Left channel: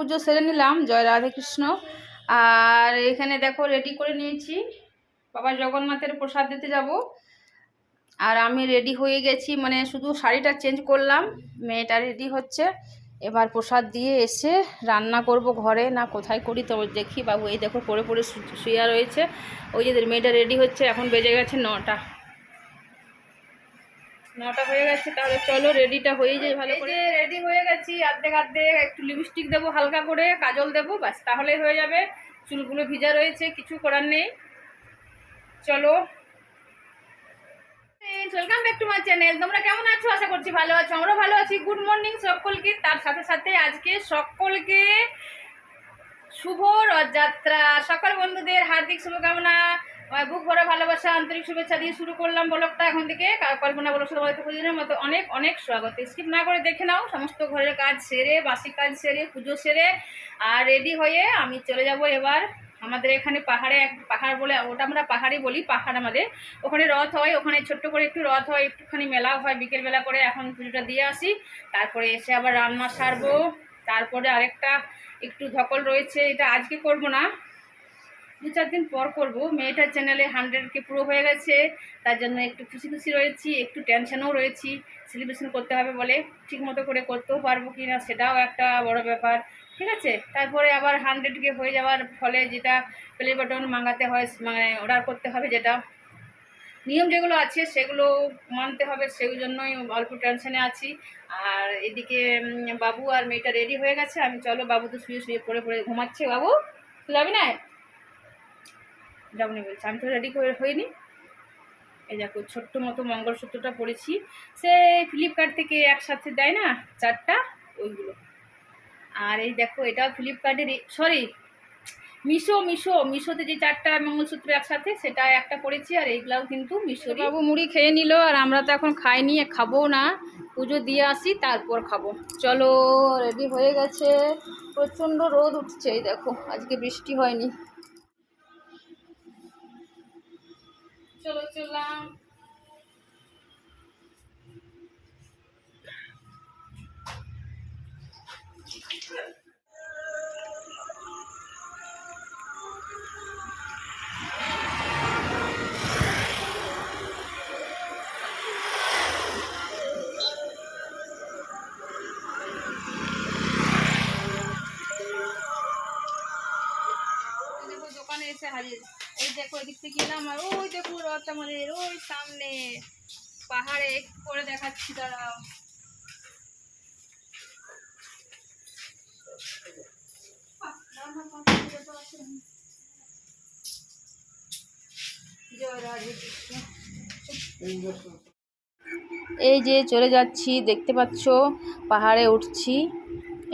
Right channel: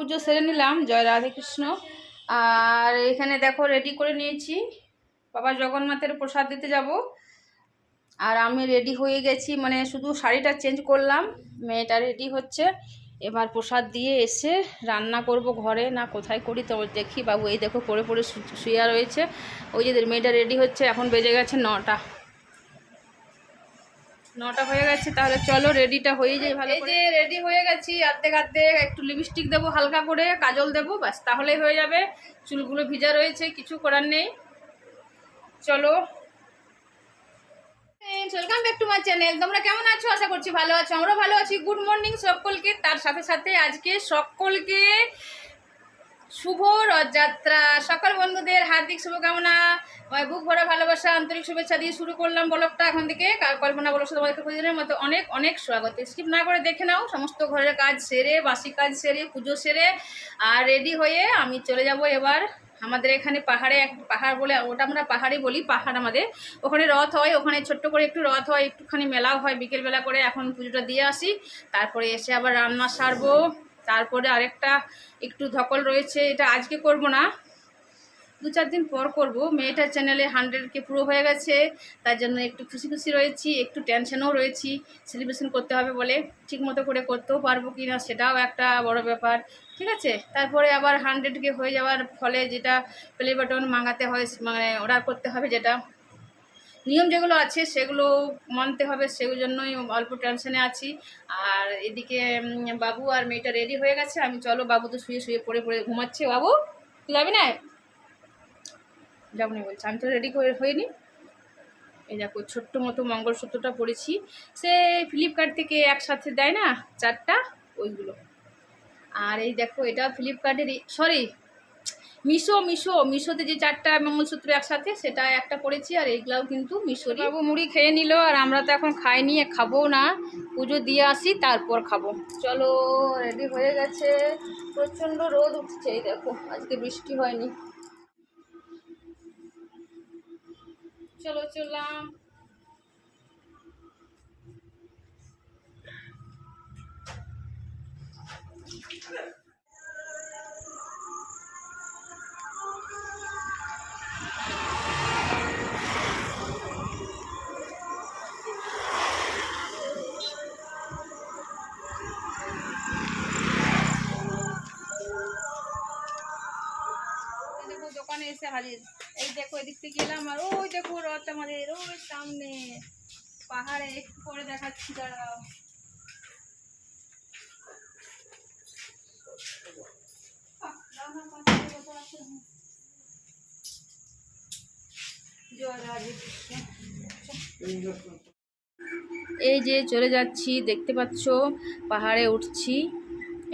পুজো সেরে নিলাম, জয় রাধাকৃষ্ণ আর এখানে দেখো রেডি করে নিয়েছি। বাবা জগন্নাথের প্রসাদ দিতে যাব। আর আমি রেডি হয়ে গেছি মানে শুধু শাড়িটা চেঞ্জ করলাম, মেয়েটা রেডি হচ্ছে। এবার প্রসাদ দিয়ে এসে রান্না করব ঘরে, না কোথায় করি তো দেখি। বাবু এই দেখো পরে পরে শুয়ে রয়েছে। ওই যে মেয়েটা রেডি হচ্ছে, এখন বেজে গেছে নটা। নটা হয়ে গেছে তাহলে চলো রেডিটা হয়ে যায় ভালো করে। রেডি হয়ে গেছি অর্ধেক অর্ধেক একটু লিপস্টিক দেবো হালকা করে কাজল দেবো ব্যাস তাহলেই হয়ে যাবে। চুলগুলো ভিজা রয়েছে কিছু করার নেই। চলো। Welcome back to my channel তোমরা কেমন আছো? আশা করছি ভালো আছো। আমরা ভালো আছি। গুড মর্নিং সকলকে। তার সাথে সাথে আজকে সকলকে শুভ রথযাত্রা। সকল বন্ধুদের হার্দিক শুভকামনা বুক ভরা ভালোবাসা, আন্তরিক শুভেচ্ছা দিয়ে শুরু করলাম ব্লগটা এখন থেকে। কল্পনা বলো তোমাদেরকে মতো অনেক অনেক স্বাগত। স্কিপ না করে দেখে নাও, সমস্ত ঘরের কাজ সেরে, বাসি কাজ সেরে, পুজো সেরে, আর রেডি হয়ে আমি চলে যাব এবার। আমাদের এখানে পাহাড়ে এক পাহাড় বলে, ওটা আমরা পাহাড়ি বলি, পাহাড় আমাদের। ওখানে রথ হয়, ওখানে ছোট্ট করে একটু রথ হয়, একটুখানি মেলাও হয়, বিকেলবেলা করে এখন পুজোটা দিয়ে আসি। তারপরে এসে আবার রান্না সারবো। তারপরে আরেকটা একটু ধকল রয়েছে, এটা আজকে করব না। দু চার দিন পর করব। মেয়েটার চ্যানেলে হান্ড্রেডকে পুরো হয়ে গেছে, তার জন্য একটু খুশি খুশি রয়েছি, একটু টেনশনেও রয়েছি। সেলিব্রেশন করতে হবে বলে ঠিক মতো করে করতেও পারব কি না সেটাও একটা বড় ব্যাপার। ঠিক আছে? তারপরে আবার হান্ড্রেডকে হয়ে যাওয়ার ফলে যেটা প্লে বাটন মাঙাতে হয় মানে অর্ডার করতে হবে যেটা। নিয়ম যেগুলো আছে সেগুলো মানতে হবে, সেই জন্যই অল্প টেনশনে আছি। আর এদিকে বাবু আর মেয়েটা রেডি হয়ে গেছে, আমি চলো বাবু তো শুয়ে শুয়ে পড়ে পড়ে ঘুমাচ্ছে। বাবু, তুই যাবি না? যাব না বলছে। আমি তো রেডি হইনি। এই দেখো, ছোট্ট মতো মঙ্গলসূত্রটা পরেছি সে ফ্লিপকার্ট থেকে একসাথে দেয় না? চারটা, ওইগুলো। আর এই দেখো এটা ফ্লিপকার্টের সরি মিশো মিশো, মিশোতে যে চারটা মঙ্গলসূত্র একসাথে, সেটা একটা পড়েছি আর এইগুলাও কিন্তু মিশো বাবু মুড়ি খেয়ে নিল আর আমরা তো এখন খাই নিয়ে খাব না। পুজো দিয়ে আসি, তারপর খাব। চলো রেডি হয়ে গেছে। প্রচণ্ড রোদ উঠছে, এই দেখো, আজকে বৃষ্টি হয়নি। চলো চললাম দোকানে এই দেখো, এদিক থেকে এলাম আর ওই দেখো রথ আমাদের, ওই সামনে। পাহাড়ে একটু করে দেখাচ্ছি, দাঁড়াও। এই যে চলে যাচ্ছি, দেখতে পাচ্ছ, পাহাড়ে উঠছি।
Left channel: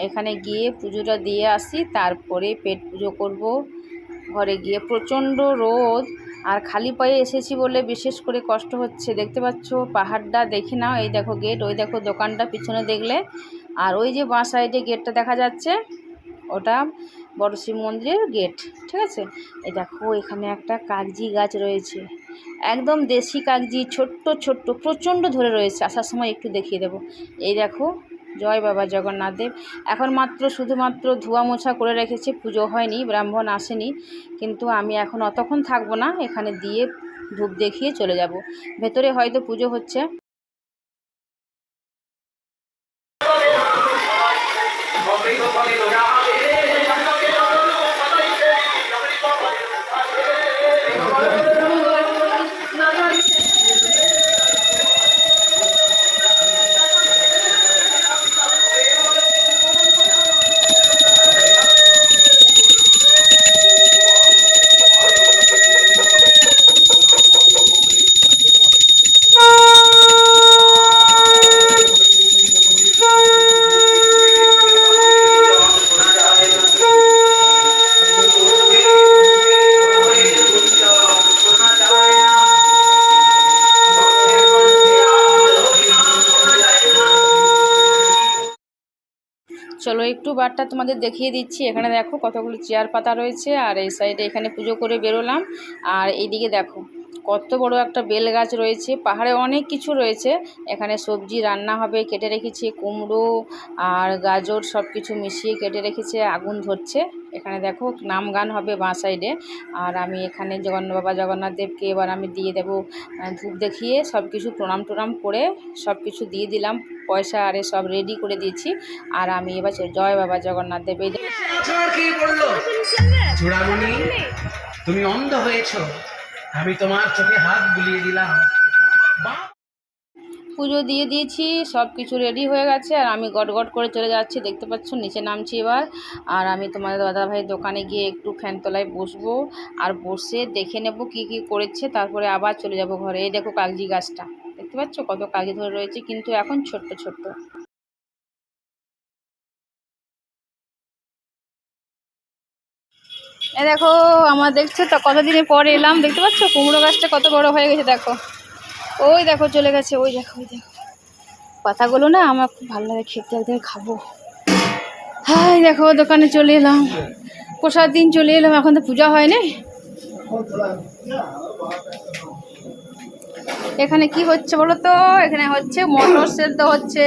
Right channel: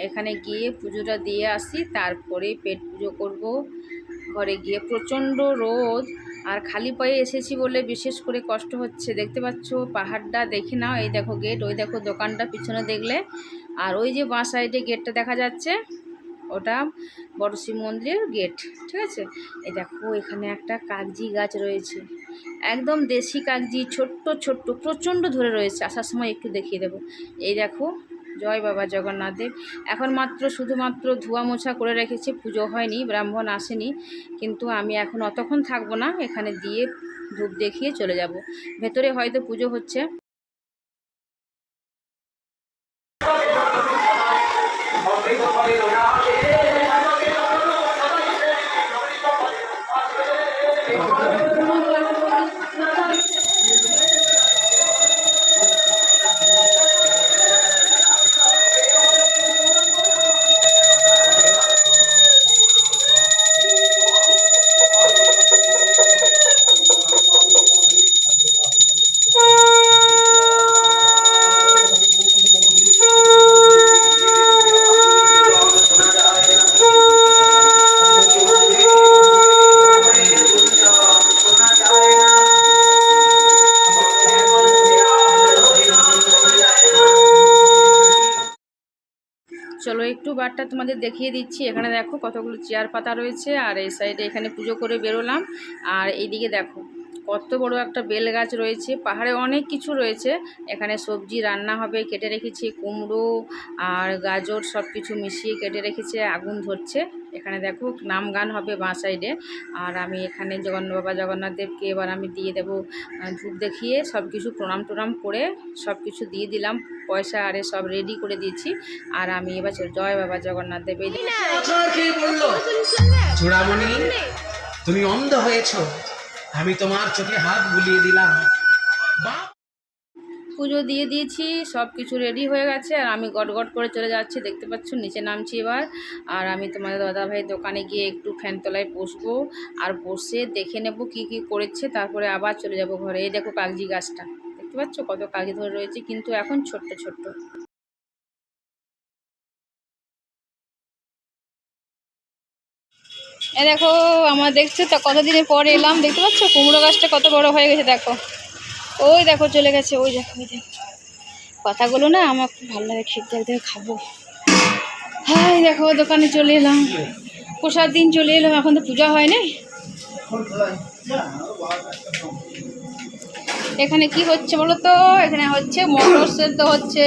এখানে গিয়ে পুজোটা দিয়ে আসি, তারপরে পেট পুজো করব। ঘরে গিয়ে প্রচণ্ড রোদ আর খালি পায়ে এসেছি বলে বিশেষ করে কষ্ট হচ্ছে। দেখতে পাচ্ছ, পাহাড়টা দেখে নাও, এই দেখো গেট ওই দেখো দোকানটা পিছনে দেখলে। আর ওই যে বাঁ সাইডে গেটটা দেখা যাচ্ছে, ওটা বড় শিব মন্দিরের গেট ঠিক আছে? এই দেখো, এখানে একটা কাগজি গাছ রয়েছে। একদম দেশি কাগজি, ছোট্ট ছোট্ট, প্রচণ্ড ধরে রয়েছে। আসার সময় একটু দেখিয়ে দেবো। এই দেখো জয় বাবা জগন্নাথ দেব। এখন মাত্র শুধুমাত্র ধোয়া মোছা করে রেখেছি, পুজো হয়নি, ব্রাহ্মণ আসেনি, কিন্তু আমি এখন অতক্ষণ থাকব না, এখানে দিয়ে ধূপ দেখিয়ে চলে যাব। ভেতরে হয়তো পুজো হচ্ছে। বারটা তোমাদের দেখিয়ে দিচ্ছি। এখানে দেখো কতগুলো চেয়ার পাতা রয়েছে আর এই সাইডে এখানে পুজো করে বেরোলাম। আর এইদিকে দেখো কত বড় একটা বেল গাছ রয়েছে। পাহাড়ে অনেক কিছু রয়েছে। এখানে সবজি রান্না হবে, কেটে রেখেছি, কুমড়ো আর গাজর সব কিছু মিশিয়ে কেটে রেখেছে, আগুন ধরছে। এখানে দেখো নাম গান হবে বাঁ সাইডে। আর আমি এখানে জগন্নাথ বাবা, জগন্নাথ দেবকে এবার আমি দিয়ে দেবো ধূপ দেখিয়ে সব কিছু প্রণাম টোনাম করে সব কিছু দিয়ে দিলাম। পয়সা আরে সব রেডি করে দিয়েছি। আর আমি এবার জয় বাবা জগন্নাথ দেব। এই চূড়ামণি তুমি অন্ধ হয়েছো। আমি তোমার চোখে হাত বুলিয়ে দিলাম। পুজো দিয়ে দিয়েছি সব কিছু রেডি হয়ে গেছে। আর আমি গট করে চলে যাচ্ছি দেখতে পাচ্ছ নিচে নামছি এবার। আর আমি তোমাদের দাদাভাইয়ের দোকানে গিয়ে একটু ফ্যান তলায় বসবো। আর বসে দেখে নেব কি কি করেছে তারপরে আবার চলে যাব ঘরে। এই দেখো কাগজি গাছটা। পাচ্ছ কত কাগজি ধরে রয়েছে, কিন্তু এখন ছোট্ট ছোট্ট। এ দেখো, আমার দেখছ তো, কতদিনের পরে এলাম, দেখতে পাচ্ছ? কুমড়ো গাছটা কত বড় হয়ে গেছে, দেখো। ওই দেখো, চলে গেছে, ওই দেখো ওই দেখো। পাতাগুলো না আমার খুব ভালো লাগে, খেতে একদিন খাব। হাই, দেখো, দোকানে চলে এলাম। প্রসাদ দিন চলে এলাম, এখন তো পূজা হয় না এখানে কি হচ্ছে বলো তো এখানে হচ্ছে মটর সেদ্ধ হচ্ছে।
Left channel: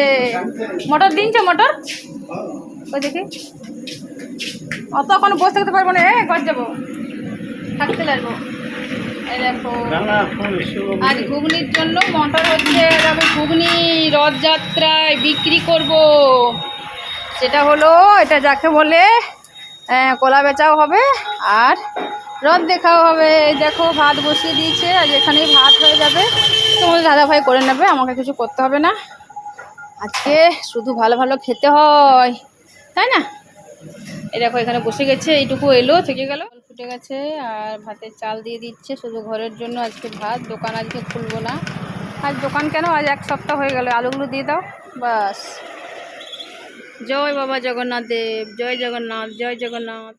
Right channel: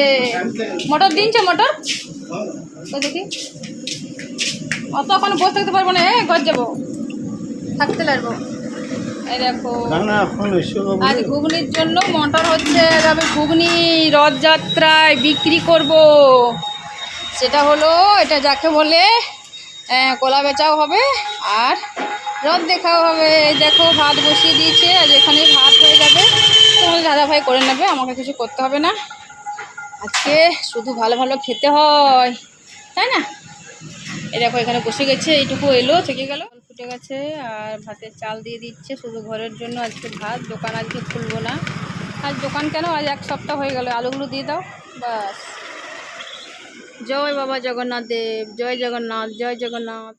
মটর দিনছো মটর? ওই দেখি। অত এখন বসে থাকতে পারব না ঘর যাব। থাকতে এই দেখো। আর ঘুগনির জন্য মটর হচ্ছে তবে ঘুগনি রথযাত্রায় বিক্রি করব। সেটা হলো এটা যাকে বলে কলা বেচাও হবে আর রথ দেখাও হবে। এই দেখো, ভাত বসিয়ে দিয়েছে আর এখানেই ভাত হয়ে যাবে। তোমাদের দাদাভাই করে নেবে, আমাকে কিছু করতে হবে না। আজকে শুধু ভালো ভালো খেতে হয়। তাই না? এই দেখো, এখানে বসে গেছে, এইটুকু এলো, থেকে গেল। ফুটে গেছে, আর ভাতের চাল দিয়ে দিচ্ছে, শুধু ঘরের জন্য আজকে ভাত। দোকান আজকে খুলবো না। আজ দোকান কেন? আজ এক সপ্তাহ হয়ে গেল, আলুগুলো দিয়ে দাও, বাস। জয় বাবা জগন্নাথ দেব, জয় জগন্নাথ জয় জগন্নাথ।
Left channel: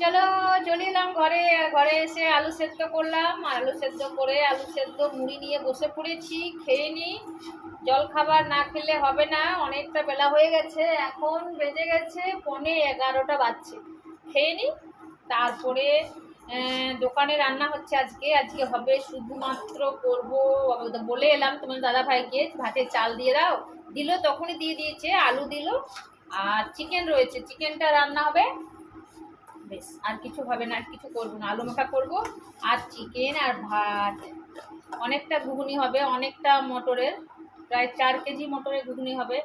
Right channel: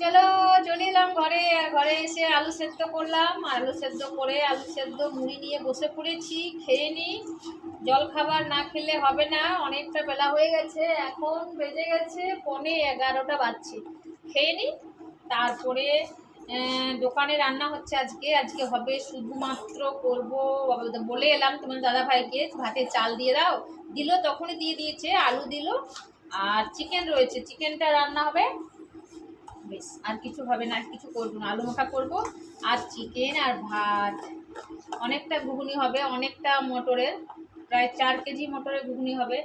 চলো, চলে এলাম ঘরে। ঘরে এসে আলু সেদ্ধ করলাম। আলু সেদ্ধ করে আলু সেদ্ধ মুড়ি নিয়ে বসে পড়েছি। খেয়ে নিই জল খাবার না খেলে হবে না। অনেকটা বেলা হয়ে গেছে। এখন বেজে গেছে পনে এগারোটা বাজছে। খেয়ে নিই তারপরে দোকানে রান্না হচ্ছে আজকে। আজকে হবে শুধুমাত্র করব বলে এলাম তোমার দাদা ভাইকে, ভাতে চাল দিয়ে দাও। দিল তখনই দিয়ে দিয়েছে, আলু দিল। আর চিকেন রয়েছে। চিকেনটা রান্না হবে বেশ, আর কিছু হবে না, আর কিছু করব না। আলু মাখা করব, আর চিকেন আর ভাত। অনেকটা ঘুগনি হবে, অনেকটা মটরের, প্রায় চার কেজি মটরের ঘুগনি হবে।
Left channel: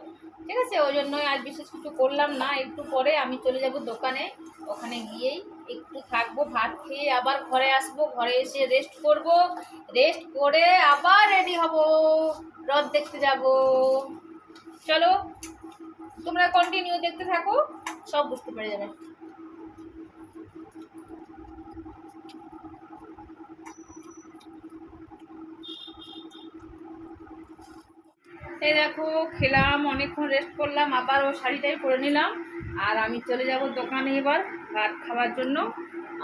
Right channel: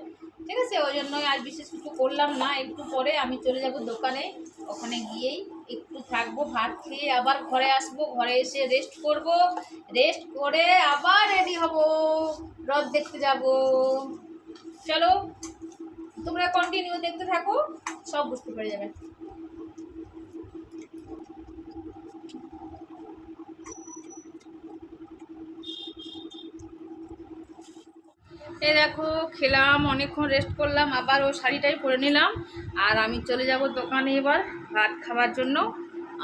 ঠিক আছে, ওই জন্যই আজ বিশেষ কিছু করলাম না, একটু পরে আমি চলে যাব দোকানে। ওখানে গিয়েই একটু থাকব, ভাত খেয়ে আবার ঘরে আসব, ঘরে এসে রেস্ট করব। রেস্ট করে আবার রেডি হব, রথ দেখতে যাব। চলো, তোমরা কন্টিনিউ দেখতে থাকো, সব বুঝতে পেরে যাবে। এই দেখো, খেলাম, অনেকক্ষণ রেস্ট করলাম, আবার ও শাড়িটাই পরে নিলাম। আর আমি চলে যাব দোকানে এবার ভাত খাওয়ার জন্য।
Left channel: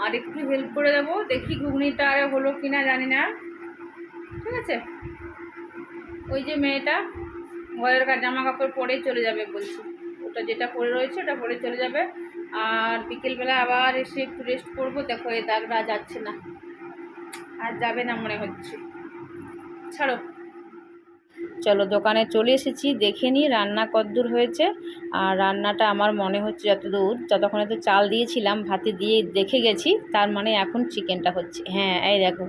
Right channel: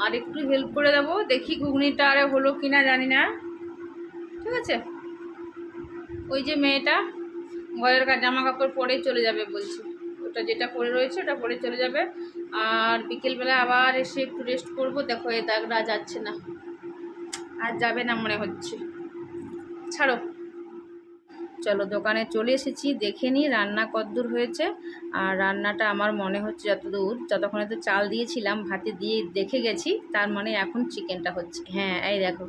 আর একটু হেল্প করে দেবো, দেখি ঘুগনিটা আরে হলো কিনা, জানি না। ঠিক আছে? ওই যে মেয়েটা, ঘরের জামা কাপড় পরেই চলে যাবে বলছি। ওটা যেটা পরে রয়েছে, ওটা পরে চলে যাবে। আর বিকেলবেলা আবার এসে একটু রেস্ট করব। দেখো, এই দাগটা যাচ্ছে না। আর যাবে না মনে হচ্ছে। ছাড়ো। চলো দোকানে চলে এসেছি, দেখে নিই রান্না কদ্দূর হয়েছে। আর রান্নাটা আমার মনে হচ্ছে যতদূর, যতক্ষণে তো চাল দিয়েছিলাম, ভাতে দিয়ে দেখে গেছি, তার মানে এখন চিকেনটা হচ্ছে। হ্যাঁ এই দেখো,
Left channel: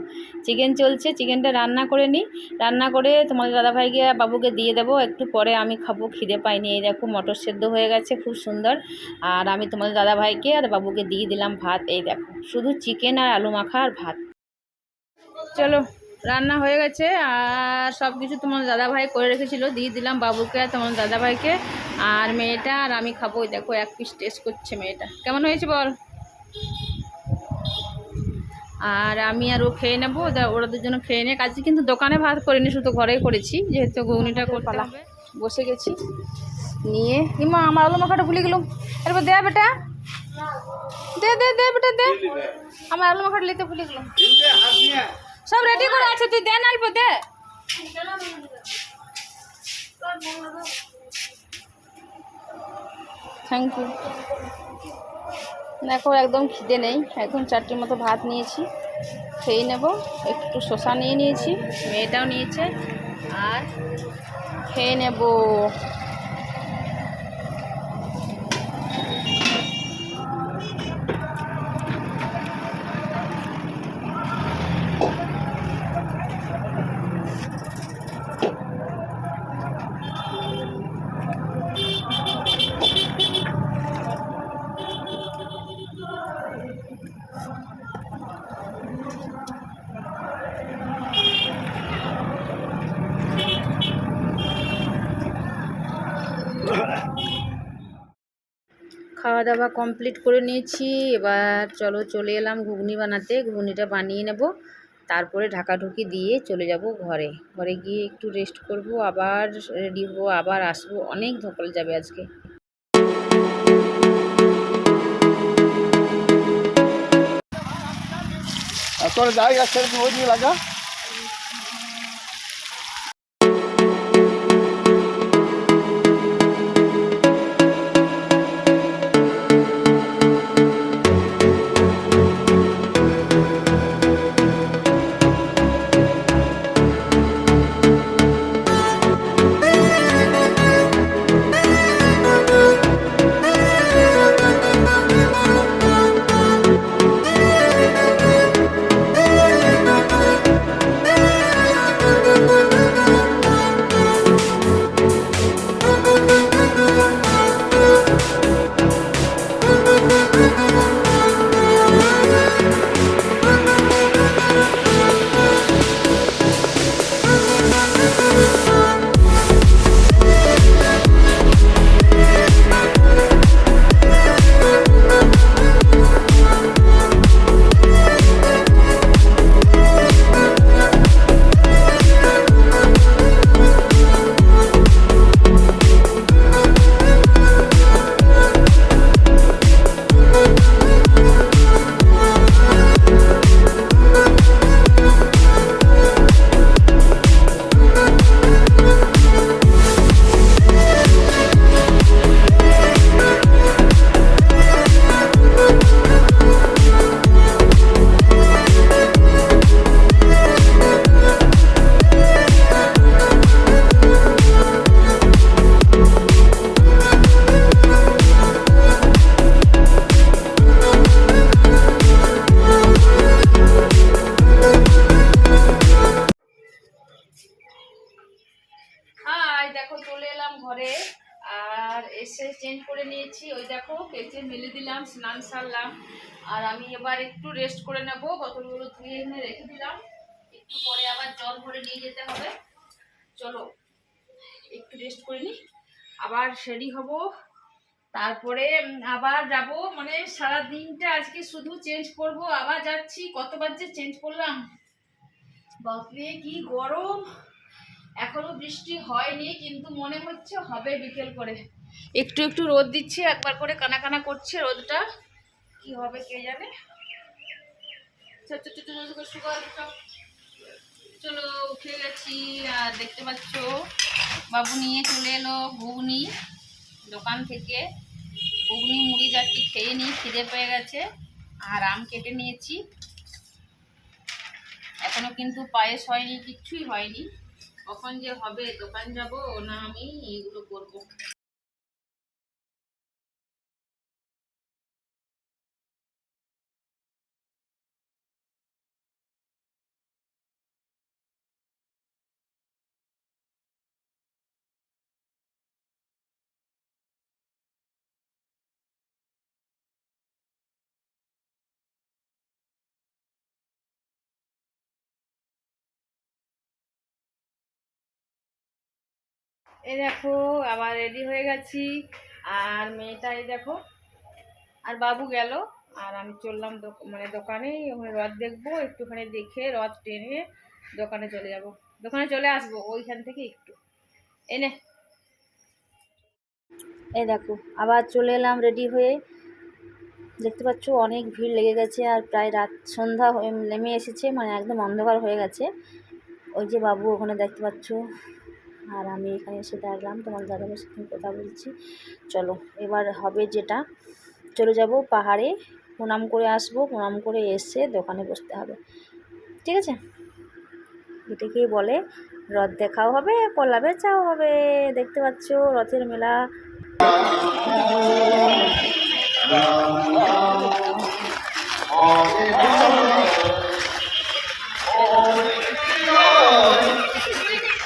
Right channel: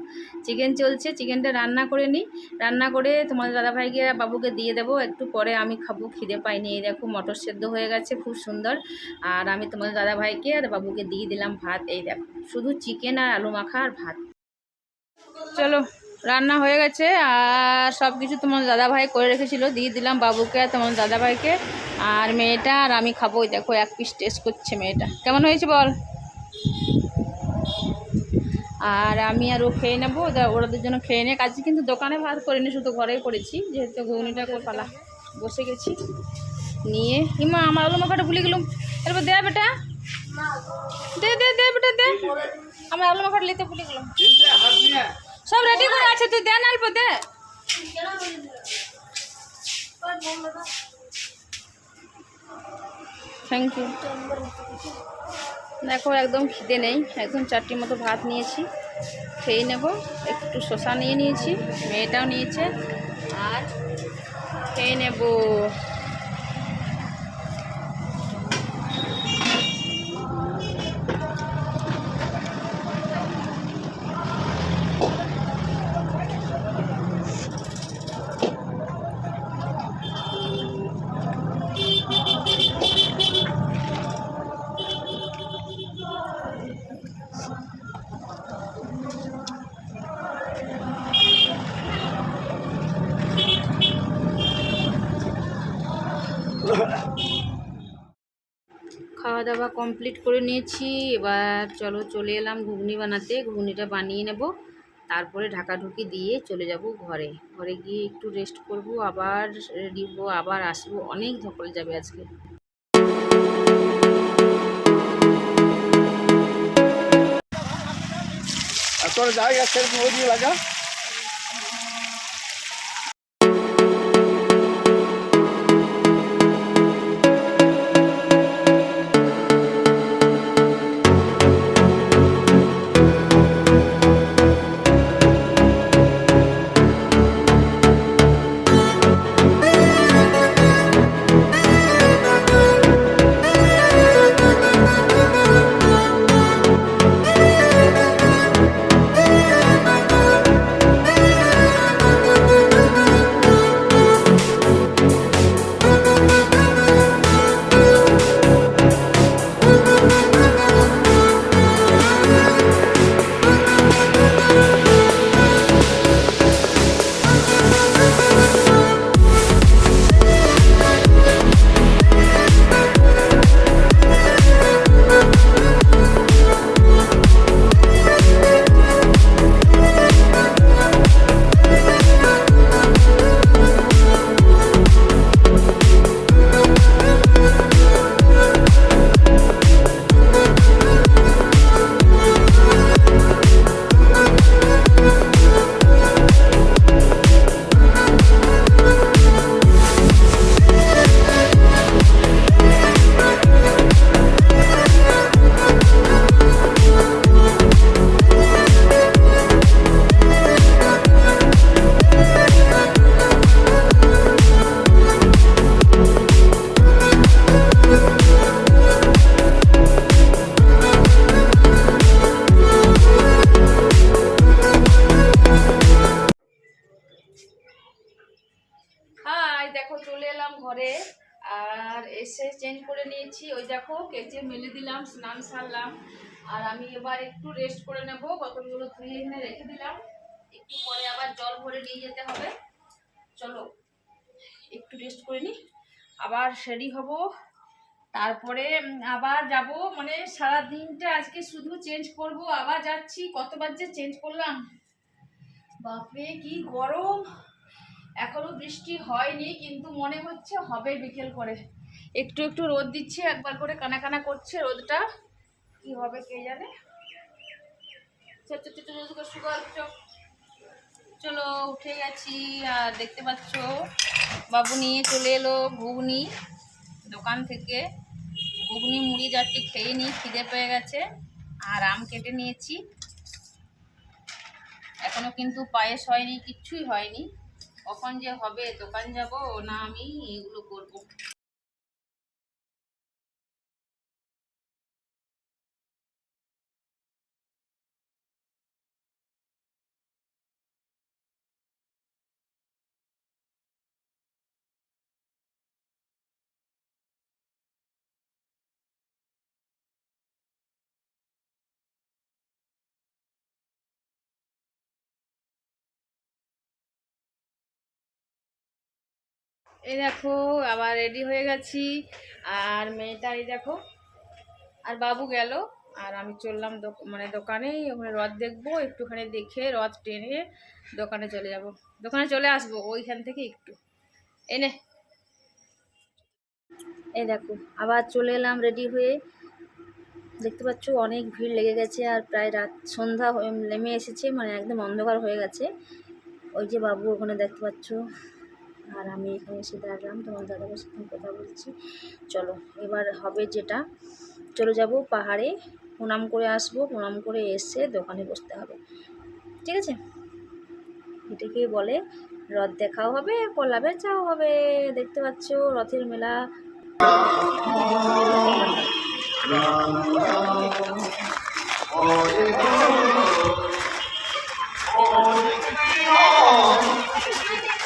চিকেন চলছে, চিকেনটা রান্না করে নিই। রান্না করে তোমাদের দাদাভাইকে, বাবুকে দিয়ে দেবো, একটু পরে আমি খাব, খিদে পাইনি, এই দেখো মটর সেদ্ধ হয়ে গেছে, খুব সুন্দর। আর আমি তোমাদের দাদাভাইকে আর বাবুকে দিয়ে দিলাম ভাত, এই দেখো, শুধু চিকেন আর আলু মাখা আর ভাত। চলো রান্না হয়ে গেছে আর সব কিছু তোমার দাদাভাই করে রেখেছিল। দিয়ে দিলাম বাবুকে আর তোমার দাদাভাইকে। আর মেয়েটা আর আমি খাব দেখো এক পিস টেস্ট করছে মেয়েটা। কেমন হয়েছে বল? আর আমি আর ও খেয়ে নেব। ওদের- ওরা দুজন খেয়ে নিয়ে কাজে কিন্তু দোকানে ভাত করিনি শুধু ঘরেই করেছি। যেহেতু ঘুগনিটা পালা বসে গেছি। নিয়ে ইমা আমার আলু মাখাটা ভুলে গেলাম। এরপর দে বেটা। দে দে দে বেটা দে। আমার আলু মাখাটা নিতে ভুলে গেলাম। সব রেডি করে আছে, তুই দে না অল্প, দে। থ্যাংক ইউ দেখো, একদম খিদে নেই। একদম চারটি মতো ভাত নিয়েছি। খেয়ে নেব। একটু শশা নিয়ে নিয়েছি। মেয়েটাও নিয়েছে। আর খেয়ে নেব। খাওয়া দাওয়া কমপ্লিট করে নিয়েছি। এবার চলো চলে এলাম ঘুগনি বানাতে। ঘুগনিটা বানিয়ে নেব। তারপরে ঢাকাঢুকি দিয়ে চলে যাব ঘরে। ঘরে গিয়ে একটু রেস্ট করব, আবার রেডি হব, আবার আসব। অনেক ধকল যাবে আজকে। এখন জায়গা সেরকম লাগা? নিয়েছি ওই দেখো কেচে মেলে দিলাম, স্নান সারলাম। আর আমি এবার একটু রেস্ট করে নেব, বোতলগুলো ধুয়ে এনে রেখে দিলাম। একটু পরে আবার জল ভরে নিয়ে যেতে হবে। চলো, একটু রেস্ট করে নিই আবার রেডি হব। তারপরে আবার যাব মানে সারা দিনটা আজকে শুধু চেঞ্জ করব, আবার যাচ্ছি। কতবার যে চেঞ্জ করলাম। বাপরে, কি গরম! এখনও বৃষ্টি হয়নি, কিন্তু মনে হচ্ছে হবে বিকেল করে। একটু একটু রোদ দিচ্ছে একবার করে কানা কানা করছে রোদটা। কি হবে কে জানে? চল, উঠে গেছি আর দেখতে পাচ্ছ বাবু নিয়ে চলে এলো ঘুগনি দোকান থেকে। ঘুগনি মুড়ি যাচ্ছি খেয়ে নিই খিদে পেয়ে গেছে আর আম কেটে নিয়েছি। এখনও কিন্তু পায়েস হয়নি কিচ্ছুই হয়নি। কখন যে হবে দোকান যাব না আমি এগুলো করব। এই দেখো, আবার রেডি হয়ে গেছি। আর মেয়েটা, এই দেখো, আর বাবু গেল। আর আমি চললাম মানে দোকানে, ওখানে রথ দেখব, একটুখানি দেখে রথ টেনে দোকানে চলে যাব। দোকানে চলে আসব, ওইখান থেকে একটু। এনে এই দেখো, আবার চলে এলাম রেডি হয়ে। দেখতে পাচ্ছ, অনেক ভিড় লেগে গেছে, আর প্রায় রাত সন্ধ্যা নেমে এসেছে মানে একদম অন্ধকার হয়ে গেছে। ওই যে বাবু, ওখানে দেখতে পাচ্ছ। আর আমি এখানে এসে দাঁড়ালাম, তোমার দাদাদের সাথে কথা বলছি। চলো, এবার হবে যেটা। চলে যাব পাহাড়ে, প্রণাম করে আসব, প্রণাম করে এসে দোকানে বসতে হবে। ঠিক আছে? এটাকেই বলে? রথ দেখাও হবে কলা বেচাও হবে, দেখতে পাচ্ছ রথের মেলা।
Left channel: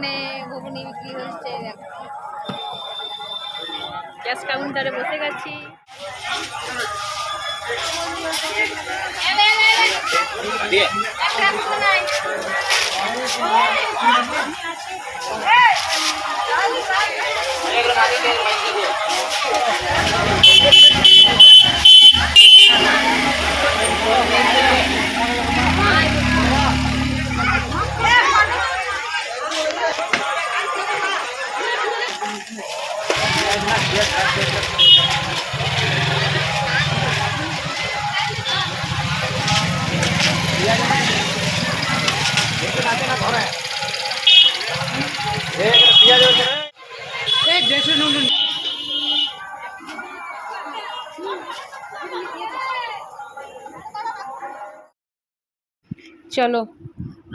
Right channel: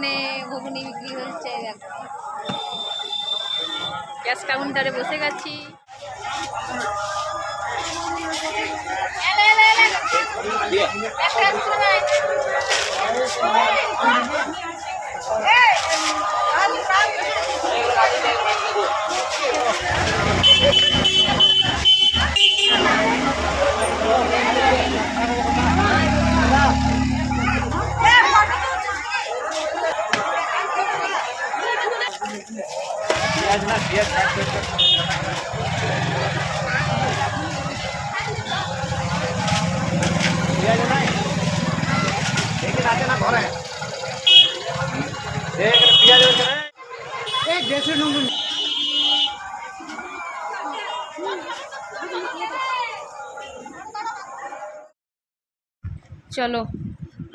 দোকানে ঘুগনি বিক্রি হচ্ছে ক্যাশ কাউন্টারে বসে গেছি চলো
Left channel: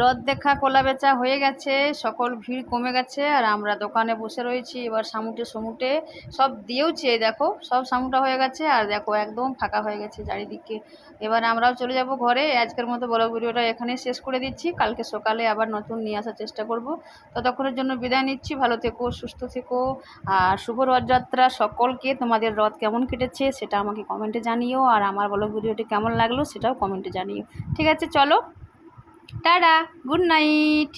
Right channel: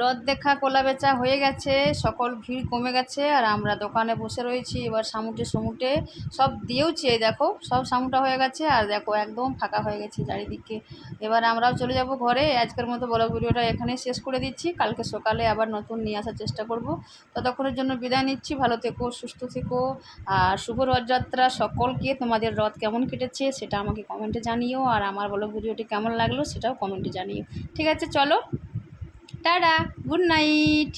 রথ দেখা, কোলা বেচা হয়ে গেছে, সকল ভিড় কমে গেছে, আর আমরা দোকানে বসে রয়েছি, এবার সামুটে সমুটে সব দিয়েওছি, এই দেখো, সব সামুটা হয়ে গেছে, আর দেখো একদম ফাঁকা হয়ে গেছে চারিদিকে। এবার আমরাও চলে যাব ঘরে আজকের মতো বড় ভিডিওটা এখানেই শেষ করে দিচ্ছি, কালকে সকালে আবার নতুন নিয়ে আসার চেষ্টা করব। ততক্ষণের জন্য বিদায় নিচ্ছি, ভালো থেকো, সুস্থ থেকো, আর শুভ রথযাত্রা সকলকে, তোমাদের রথ কেমন কেটেছে সেটা আমাকে কমেন্টে জানিও, আর আমার বলো ভিডিওটি কেমন লাগল সেটাও কমেন্টে জানিও। ঠিক আছে, চলো। Tata good night